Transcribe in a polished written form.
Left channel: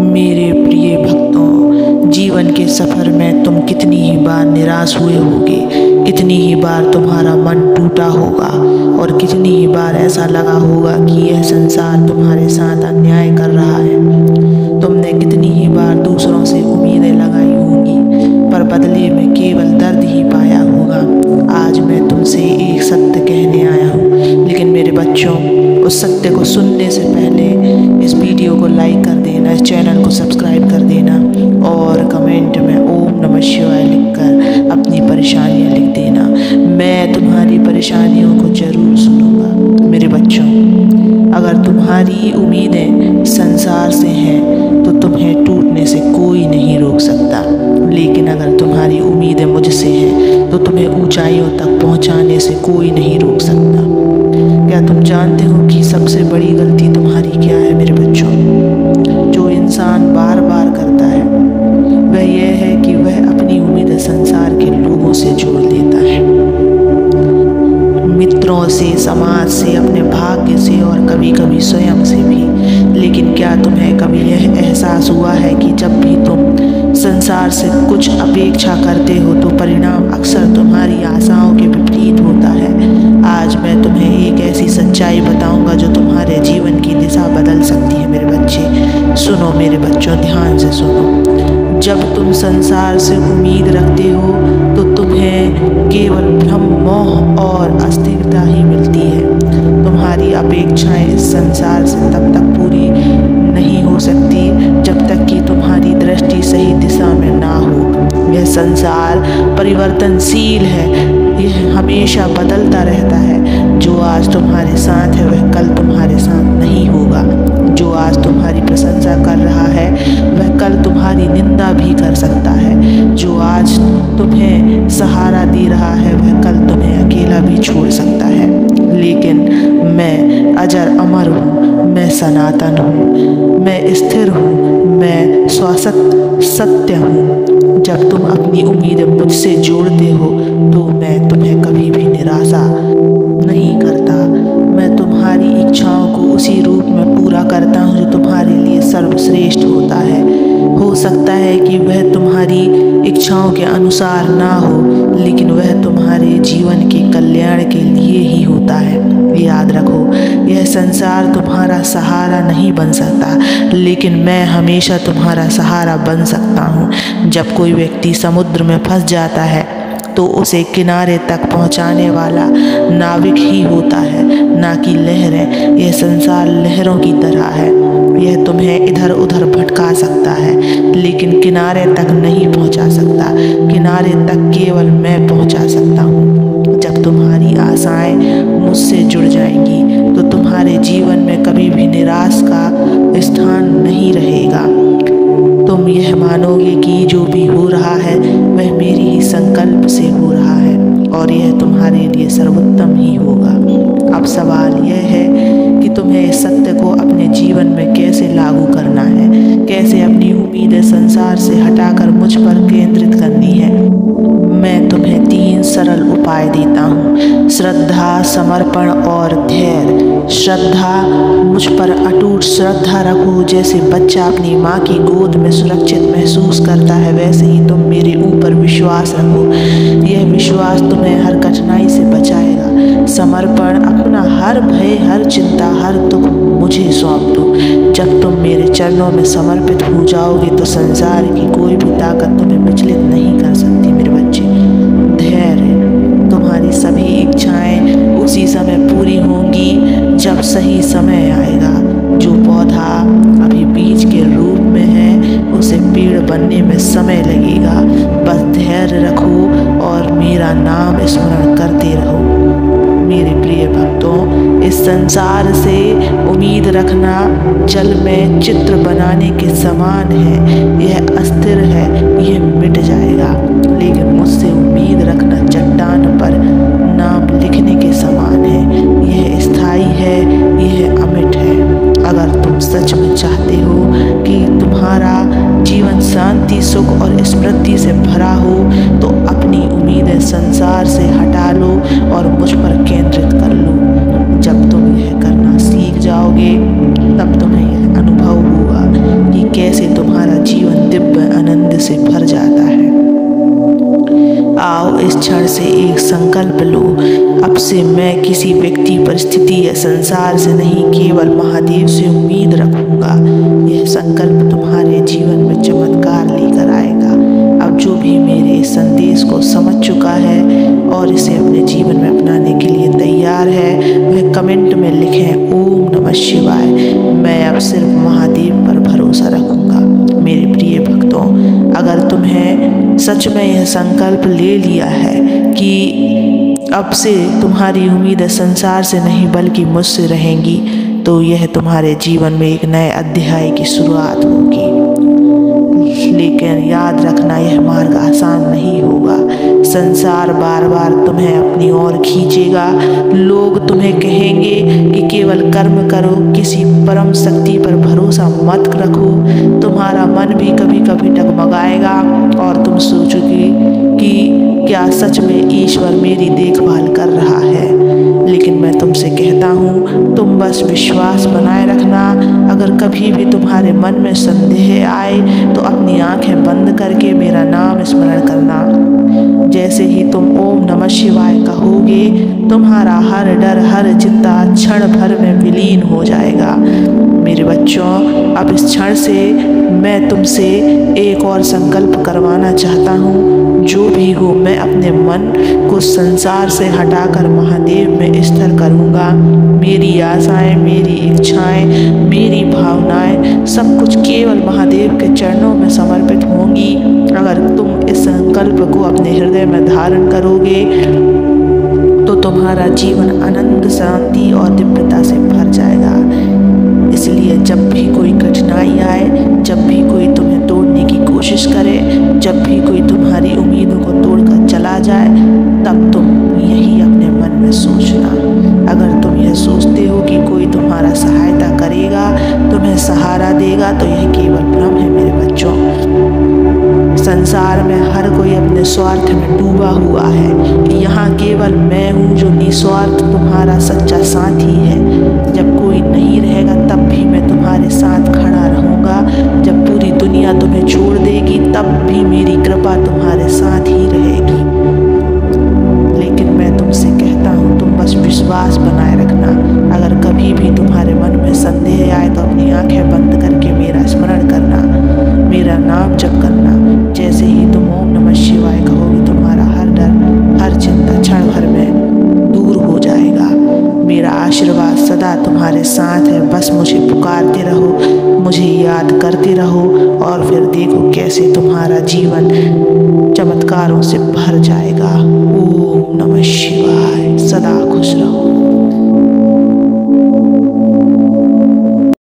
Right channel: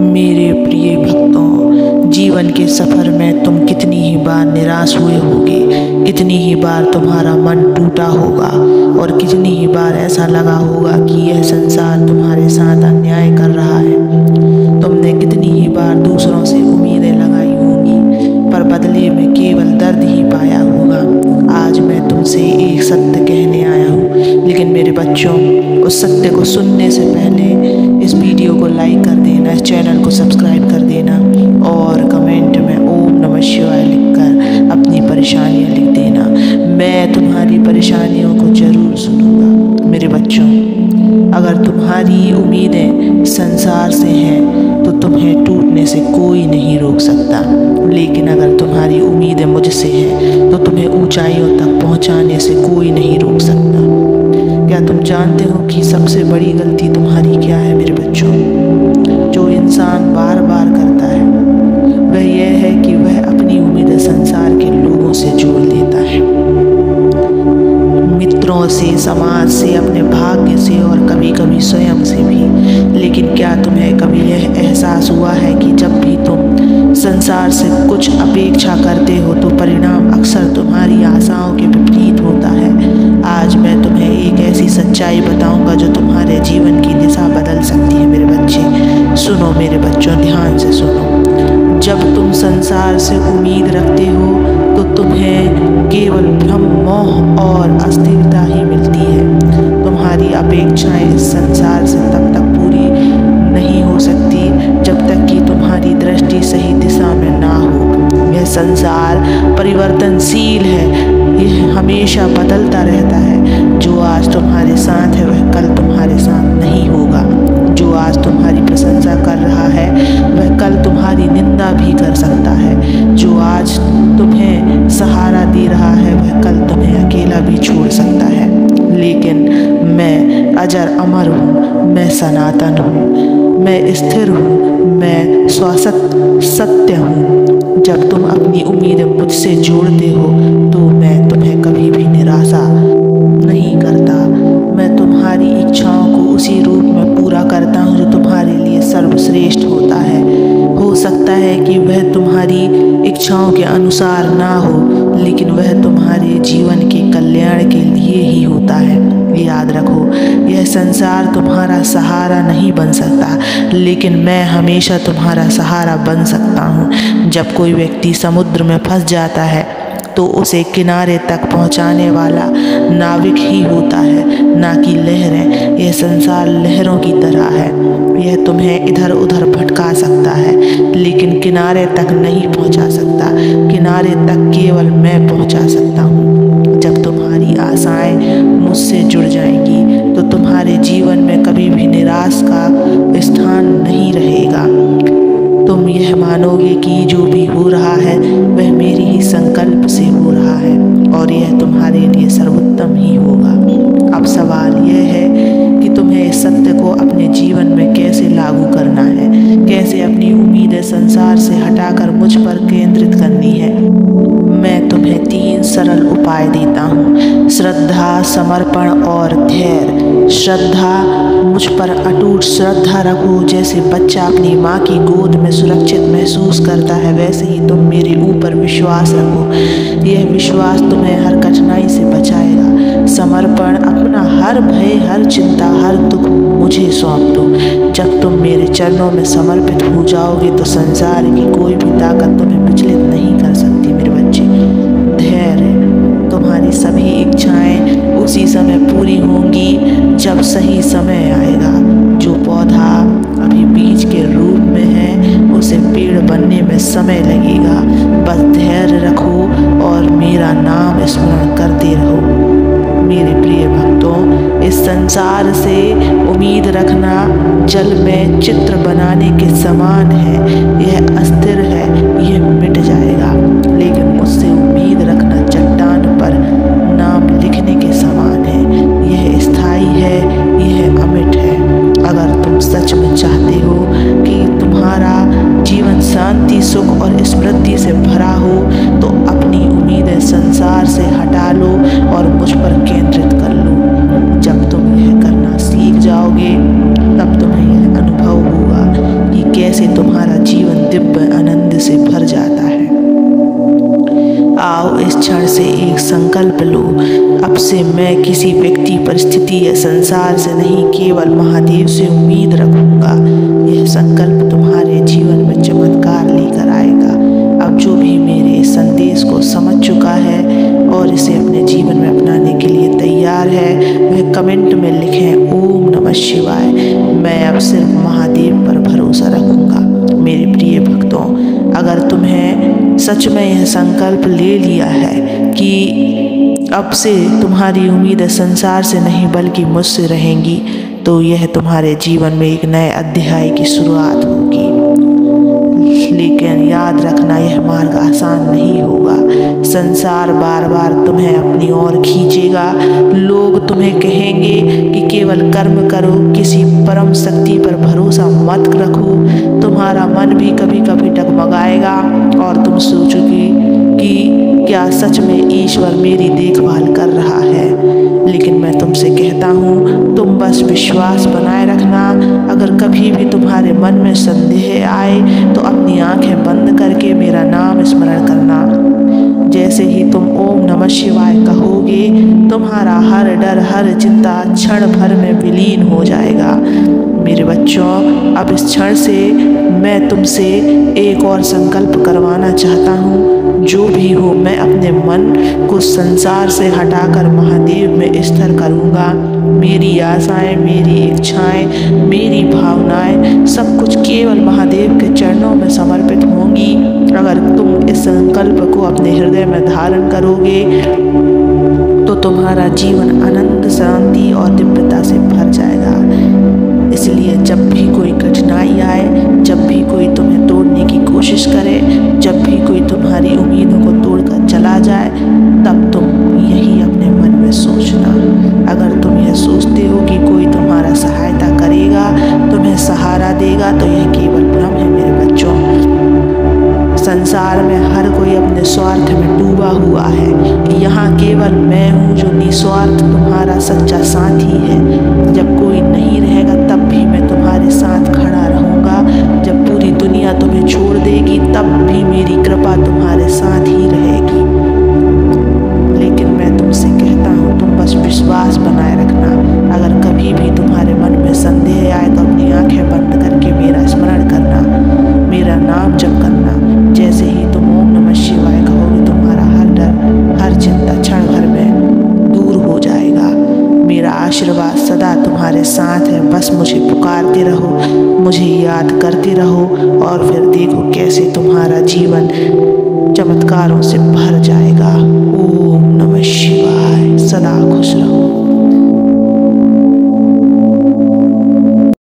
मेरे प्रिय भक्तों, जीवन के सफ़र में तुम कितनी ही बार निराश हुए होगे, कितनी ही बार तुम्हारा मन टूटा होगा और कितनी ही बार ऐसा लगा होगा कि यह संसार तुम्हारे साथ अन्याय कर रहा है। तुमने कितनी ही बार दूसरों से उम्मीदें लगाई होंगी पर बदले में केवल दर्द ही पाया होगा। आज मैं तुमसे एक सत्य कहने आया हूँ, लेकिन मेरे बच्चों, उस सत्य को सुनने से पहले इस वीडियो को लाइक कर देना, इस चैनल को सब्सक्राइब कर देना और कमेंट में ओम नमः शिवाय लिखकर अपनी परेशानियाँ लिख देना। मैं तुम्हारी परेशानियों को ज़रूर सुनूंगा। मेरे बच्चों, अगर तुम्हारी उम्मीदें संसार से हैं तो तुम्हें टूटने से कोई नहीं रोक सकता, लेकिन अगर तुम्हारी उम्मीदें मुझसे हैं तो तुम्हें ऊंचाइयों तक पहुंचाने से कोई नहीं रोक सकता। क्या तुम जानते हो कि सबसे बड़ी गलती तुम्हारी क्या है मेरे बच्चों? जो इंसान बार बार करता है वह यह है कि वह अपनी उम्मीदें संसार के लोगों से जोड़ देता है, मित्रों से, समाज से, अपने भाग्य से और कभी कभी स्वयं से भी। लेकिन क्या तुम्हें कभी यह एहसास हुआ है कि जब भी तुम संसार से कुछ अपेक्षा करते हो तो परिणाम अक्सर तुम्हारी आशाओं के विपरीत होता है? आज मैं तुम्हें एक ऐसी सच्चाई बताऊंगा जो तुम्हारे जीवन की दिशा बदल सकती है मेरे बच्चे। सुनो मेरे बच्चों, ध्यान से सुनो। जब तुम संसार से उम्मीद रखते हो तो तुम्हें केवल भ्रम, मोह और अस्थिरता ही मिलती है। तुम्हारी अपेक्षाएं इस संसार से तब तक पूरी नहीं हो सकती जब तक कि तुम्हारी दृष्टि सही दिशा में ना हो। यह संसार परिवर्तनशील है, यह हमेशा बदलता रहता है। जो आज तुम्हारे साथ है वह कल तुम्हारे साथ नहीं होगा। जो आज तुम्हारी प्रशंसा कर रहा है वह कल तुम्हारी निंदा भी कर सकता है। जो आज तुम्हें सहारा दे रहा है वह कल तुम्हें अकेला भी छोड़ सकता है। लेकिन मैं अजर अमर हूँ, मैं सनातन हूँ, मैं स्थिर हूँ, मैं शाश्वत सत्य हूँ। जब तुम अपनी उम्मीदें मुझसे जोड़ते हो तो मैं तुम्हें कभी भी निराशा नहीं करता। मैं तुम्हारी इच्छाओं को उसी रूप में पूरा करता हूँ जो तुम्हारे लिए सर्वश्रेष्ठ होता है। हो सकता है कि वह तुम्हारी इच्छाओं के अनुसार ना हो, लेकिन वह तुम्हारे जीवन के कल्याण के लिए ही होता है। याद रखो, यह संसार तुम्हारा सहारा नहीं बन सकता, लेकिन मैं हमेशा तुम्हारा सहारा बन सकता हूँ। जब कोई व्यक्ति समुद्र में फंस जाता है तो उसे किनारे तक पहुंचाने वाला नाविक ही होता है, ना कि लहरें। यह संसार लहरों की तरह है, यह तुम्हें इधर उधर भटका सकता है लेकिन किनारे तक नहीं पहुंचा सकता। किनारे तक केवल मैं पहुंचा सकता हूँ। जब तुम्हारी आशाएं मुझसे जुड़ जाएंगी तो तुम्हारे जीवन में कभी भी निराश का स्थान नहीं रहेगा। तुम यह मानोगे कि जो भी हो रहा है वह मेरी ही संकल्प से हो रहा है और यह तुम्हारे लिए सर्वोत्तम ही होगा। अब सवाल यह है कि तुम्हें इस सत्य को अपने जीवन में कैसे लागू करना है, कैसे अपनी उम्मीदें संसार से हटाकर मुझ पर केंद्रित करनी है। मैं तुम्हें 3 सरल उपाय देता हूँ: श्रद्धा, समर्पण और धैर्य। श्रद्धा, मुझ पर अटूट श्रद्धा रखो। जैसे बच्चा अपनी माँ की गोद में सुरक्षित महसूस करता है, वैसे ही तुम मेरे ऊपर विश्वास रखो। यह विश्वास तुम्हें हर कठिनाई से बचाएगा। समर्पण, अपना हर भय, हर चिंता, हर दुख मुझे सौंप दो। जब तुम मेरे चरणों में समर्पित हो जाओगे तो संसार की कोई भी ताकत तुम्हें विचलित नहीं कर सकती मेरे बच्चे। धैर्य, तुम्हारी सभी इच्छाएं उसी समय पूरी होंगी जब सही समय आएगा। जो पौधा अभी बीज के रूप में है उसे पेड़ बनने में समय लगेगा। बस धैर्य रखो और मेरा नाम स्मरण करते रहो। मेरे प्रिय भक्तों, इस संसार से उम्मीद रखना जल में चित्र बनाने के समान है। यह अस्थिर है, यह मिट जाएगा, लेकिन मुझसे उम्मीद रखना चट्टान पर नाम लिखने के समान है। यह स्थायी है, यह अमिट है। अगर तुम सच में चाहते हो कि तुम्हारा जीवन शांति, सुख और समृद्धि से भरा हो तो अपनी उम्मीदें संसार से हटा लो और मुझ पर केंद्रित कर लो। जब तुम यह करना सीख जाओगे तब तुम्हें यह अनुभव होगा कि कैसे तुम्हारा जीवन दिव्य आनंद से भर जाता है। आओ इस क्षण से एक संकल्प लो, अब से मैं किसी व्यक्ति, परिस्थिति या संसार से नहीं, केवल महादेव से उम्मीद रखूंगा। यह संकल्प तुम्हारे जीवन में चमत्कार लेकर आएगा। अब जो भी मेरे इस संदेश को समझ चुका है और इसे अपने जीवन में अपनाने के लिए तैयार है, वह कमेंट में लिखें ओम नमः शिवाय। मैं अब सिर्फ महादेव पर भरोसा रखूंगा। मेरे प्रिय भक्तों, अगर तुम्हें सच में यह संकल्प ले लिया है कि अब से तुम्हारी उम्मीदें संसार से नहीं बल्कि मुझसे रहेंगी, तो यह तुम्हारे जीवन में एक नए अध्याय की शुरुआत होगी। लेकिन याद रखना, यह मार्ग आसान नहीं होगा। संसार बार बार तुम्हें अपनी ओर खींचेगा। लोग तुम्हें कहेंगे कि केवल कर्म करो, किसी परम शक्ति पर भरोसा मत रखो। तुम्हारा मन भी कभी कभी डगमगाएगा और तुम सोचोगे कि क्या सच में ईश्वर मेरी देखभाल कर रहा है। लेकिन मैं तुमसे कहता हूँ, तुम बस विश्वास बनाए रखना। अगर कभी भी तुम्हारे मन में संदेह आए तो अपनी आंखें बंद करके मेरा नाम स्मरण करना। जैसे ही तुम ओम नमः शिवाय कहोगे, तुम्हारा हर डर, हर चिंता क्षण भर में विलीन हो जाएगा। मेरे बच्चों, अब इस क्षण से मैं तुमसे एक और संकल्प करवाना चाहता हूँ। जो भी हो, मैं अपने मन को संसार से हटाकर महादेव में स्थिर करूँगा। मेरी आशाएं, मेरी इच्छाएं, मेरी भावनाएं सब कुछ केवल महादेव के चरणों में समर्पित होंगी। अगर तुम इस संकल्प को अपने हृदय में धारण करोगे तो तुम्हारा जीवन आनंद, शांति और दिव्यता से भर जाएगा। इसलिए जब भी कोई कठिनाई आए, जब भी कोई तुम्हें तोड़ने की कोशिश करे, जब भी कोई तुम्हारी उम्मीदों को तोड़कर चला जाए, तब तुम यही अपने मन में सोचना। अगर तुम यह सोचते हो कि कोई तुम्हारा सहायता करेगा, तुम्हें सहारा देगा, तो यह केवल भ्रम है मेरे बच्चों। संसार में हर कोई अपने स्वार्थ में डूबा हुआ है। यहाँ केवल मैं हूँ जो निस्वार्थ तुम्हारा सच्चा साथी है। जब कोई नहीं रहेगा तब भी मैं तुम्हारे साथ खड़ा रहूँगा। जब पूरी दुनिया तुम्हें छोड़ देगी तब भी मेरी कृपा तुम्हारे साथ ही रहेगी। लेकिन मैं तुमसे कहता हूँ, तुम बस विश्वास बनाए रखना। अगर कभी भी तुम्हारे मन में संदेह आए तो अपनी आंखें बंद करके मेरा स्मरण करना, मेरा नाम जप करना। जैसे ही तुम ओम नमः शिवाय कहोगे, तुम्हारा हर डर, हर चिंता क्षण भर में दूर हो जाएगा। मेरा आशीर्वाद सदा तुम्हारे साथ है। बस मुझे पुकारते रहो, मुझे याद करते रहो और फिर देखो कैसे तुम्हारा जीवन चमत्कारों से भर जाएगा। ओम नमः शिवाय। सदा खुश रहो।